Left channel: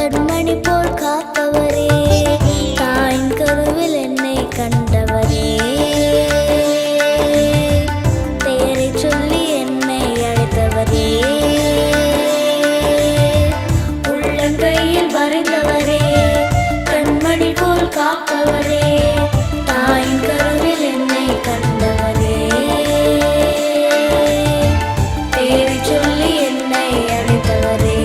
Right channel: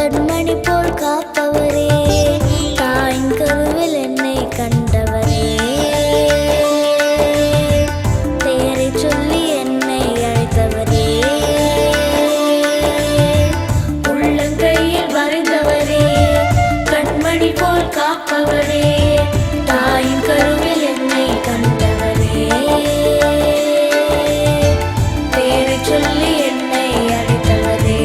கண்மணி போல் காப்பவரே, தாயின் கருவில் என்னை கண்டவரே, பெயரை சொல்லி என்னை அழைத்தவரே, உள்ளங்கையில் வரைந்தவரே, கண்மணி போல் காப்பவரே, தாயின் கருவில் என்னை கண்டவரே, பெயரை சொல்லி என்னை அழைத்தவரே.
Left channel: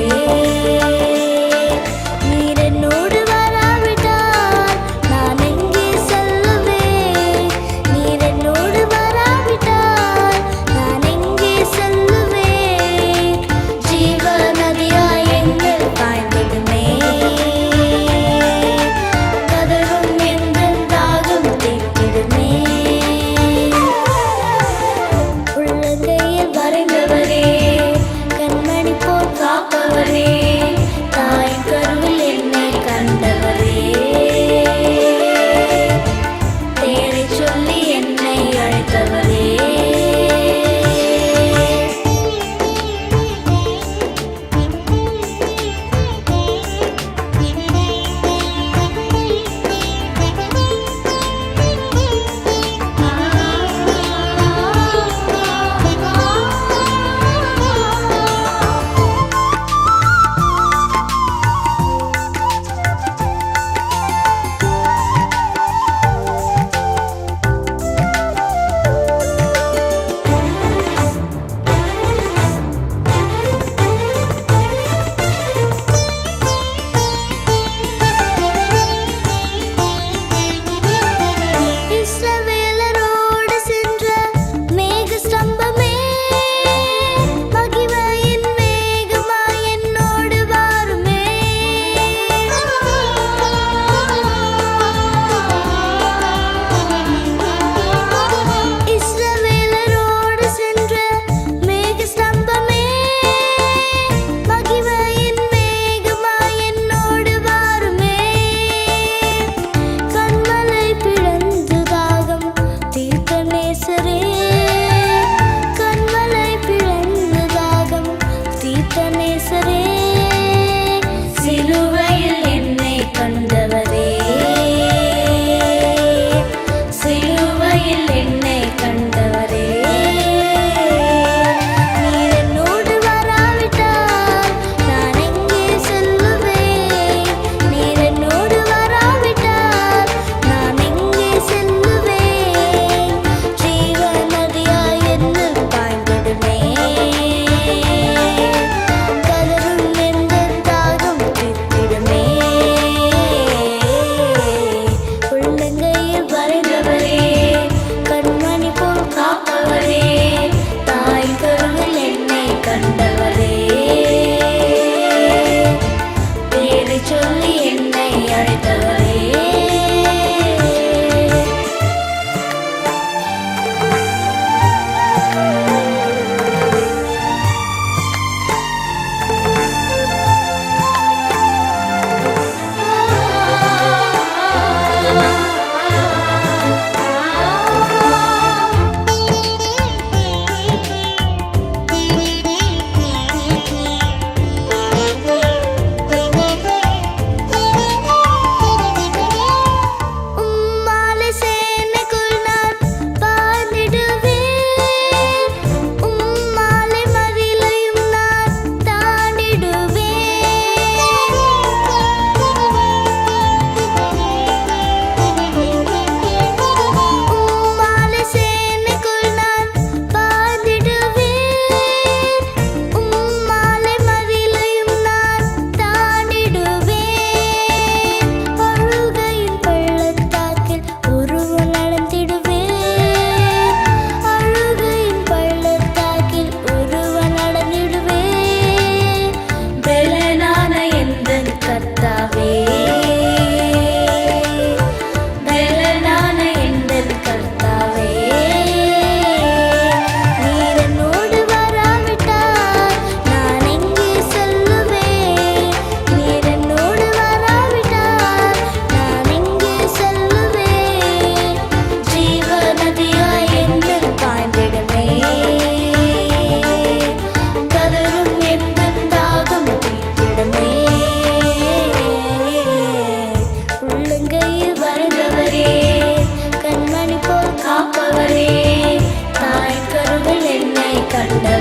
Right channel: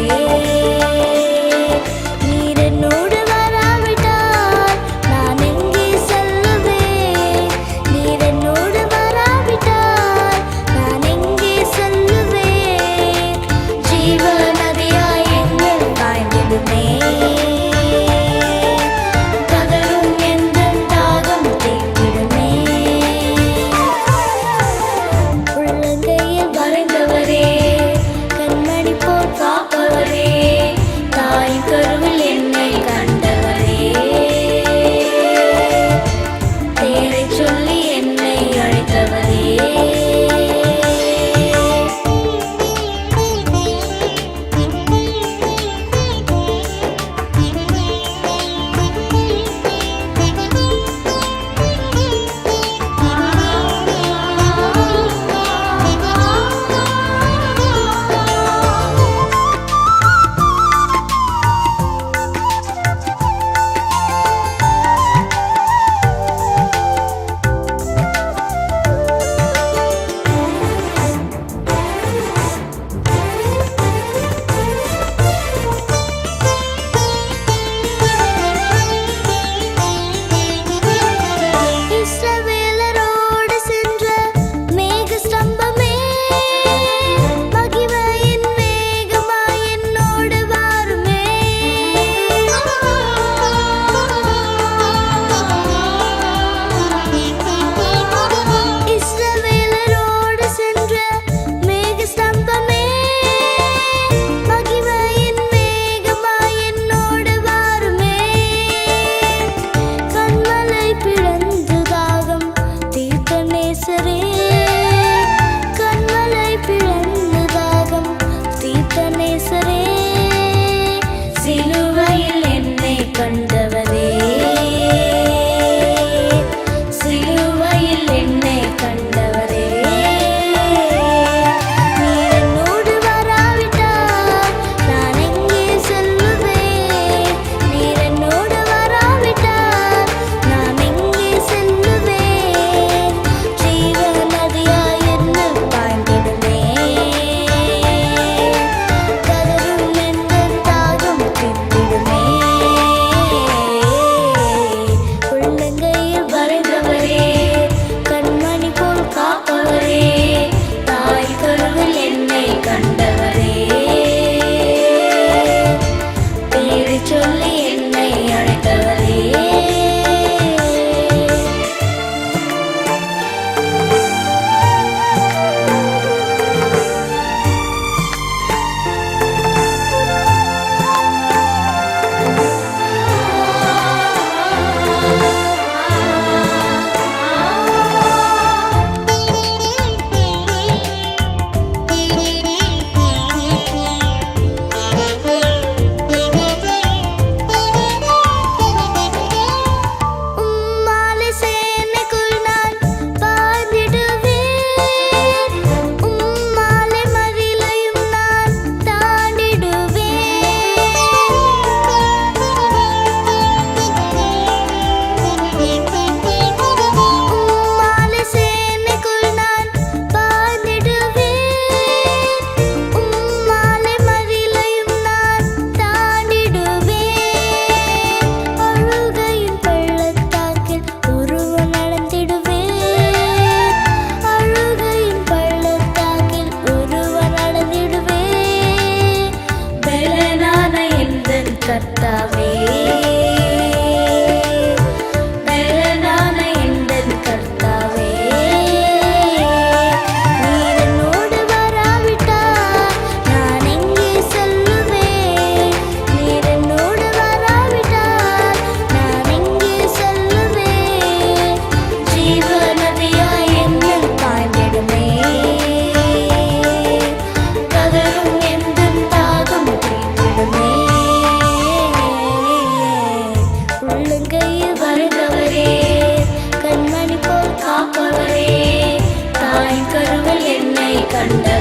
நீர் என்னோடு வராவிட்டால் நான் எங்கே செல்லுவேன்? நீர் என்னோடு வராவிட்டால் நான் எங்கே செல்லுவேன்? ஜீவ நதியாய் என்னில் பாய்ந்திடுமே, கதறும் எந்தன் தாகம் தீர்த்திடுமே. உள்ளங்கையில் வரைந்தவரே, கண்மணி போல் காப்பவரே, தாயின் கருவில் என்னை கண்டவரே, பெயரை சொல்லி என்னை அழைத்தவரே. இஸ்ரவேலரோடு சென்ற மேக ஸ்தம்பமே, மகிமையின் மேகமாய் என்னோடு வாருமே. இஸ்ரவேலரோடு சென்ற மேக ஸ்தம்பமே, மகிமையின் மேகமாய் என்னோடு வாருமே. கண்மலை பிளந்து தாகம் தீர்த்த நேசரே, கண்மலை பிளந்து தாகம் தீர்த்த நேசரே, சிலுவையில் என்னை கண்டவரே, சிலுவையில் என்னை கண்டவரே. நீர் என்னோடு வராவிட்டால் நான் எங்கே செல்லுவேன்? நீர் என்னோடு வராவிட்டால் நான் எங்கே செல்லுவேன்? ஜீவ நதியாய் என்னில் பாய்ந்திடுமே, கதறும் எந்தன் தாகம் தீர்த்திடுமே. உள்ளங்கையில் வரைந்தவரே, கண்மணி போல் காப்பவரே, தாயின் கருவில் என்னை கண்டவரே, பேரை சொல்லி என்னை அழைத்தவரே. உம்மாலே சேனைக்குள் நான் பாய்ந்திடுவேன், உம்மாலே மதிலையும் நான் தாண்டிடுவேன். உம்மாலே சேனைக்குள் நான் பாய்ந்திடுவேன், உம்மாலே மதிலையும் நான் தாண்டிடுவேன். அழுகையின் பள்ளத்தாக்கில் ஒருவன் நடந்திடுவேன், அழுகையின் பள்ளத்தாக்கில் ஒருவன் நடந்திடுவேன். பலனான எந்தன் கர்த்தாவே, பலனான எந்தன் கர்த்தாவே, நீர் என்னோடு வராவிட்டால் நான் எங்கே செல்லுவேன்? நீர் என்னோடு வராவிட்டால் நான் எங்கே செல்லுவேன்? ஜீவ நதியாய் என்னில் பாய்ந்திடுமே, கதறும் எந்தன் தாகம் தீர்த்திடுமே. அவரே தாயின் கருவில் என்னை கண்டவரே